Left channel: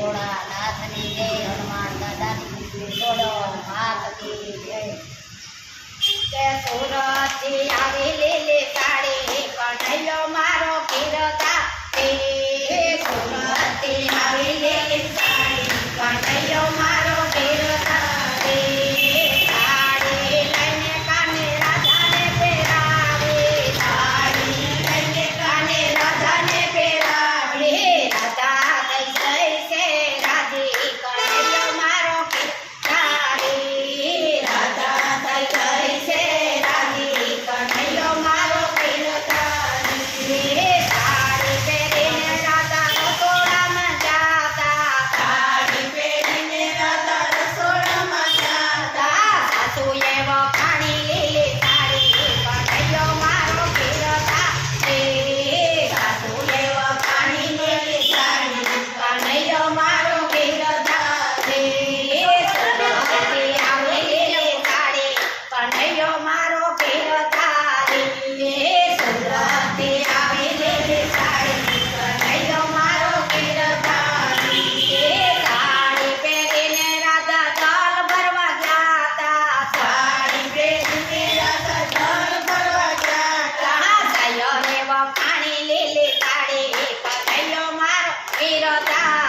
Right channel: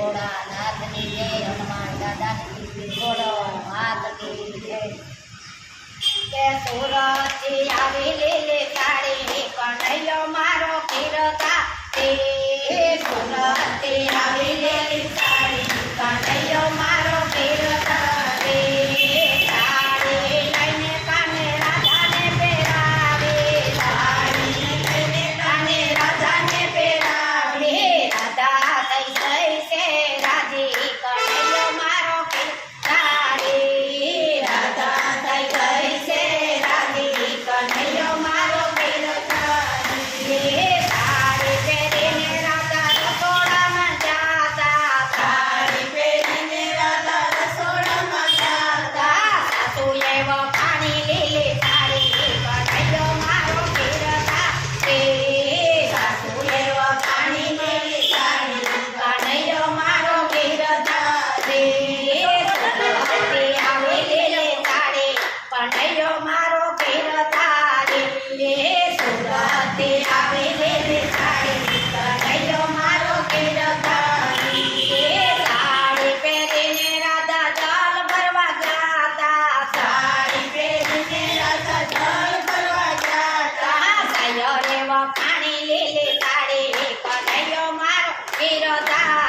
ભોળાનાથની જય, હનુમાન દાદાની જોડો હાથ કી જય। કે સુરતથી આવી લીલી સાડી કનૈયો મારો કીર્તા રે, સુરતથી આવી લીલી સાડી કનૈયો મારો કીર્તા રે। સાડી લઈને કાને રાધાને પહેરાવે, સાડી લઈને કાને રાધાને પહેરાવે, રાધા થઈ જઈ છે રાજી કનૈયો મારો કીર્તા રે, રાધા થઈ ગઈ છે રાજી કનૈયો મારો કીર્તા રે। સાડી પહેરીને રાધા રસોડામાં જાતા, સાડી પહેરીને રાધા રસોડામાં જાતા, સાસુએ વખાણી લીલી સાડી કનૈયો મારો કીર્તા રે, સાસુએ વખાણી લીલી સાડી કનૈયો મારો કીર્તા રે। સુરતથી આવી લીલી સાડી કનૈયો મારો કીર્તા રે, સુરતથી આવી લીલી સાડી કનૈયો મારો કીર્તા રે। સાડી પહેરીને રાધા જલ ભરવા જાતા, સાડી પહેરીને રાધા જલ ભરવા જાતા, સૈયરે વખાણી લીલી સાડી કનૈયો મારો કીર્તા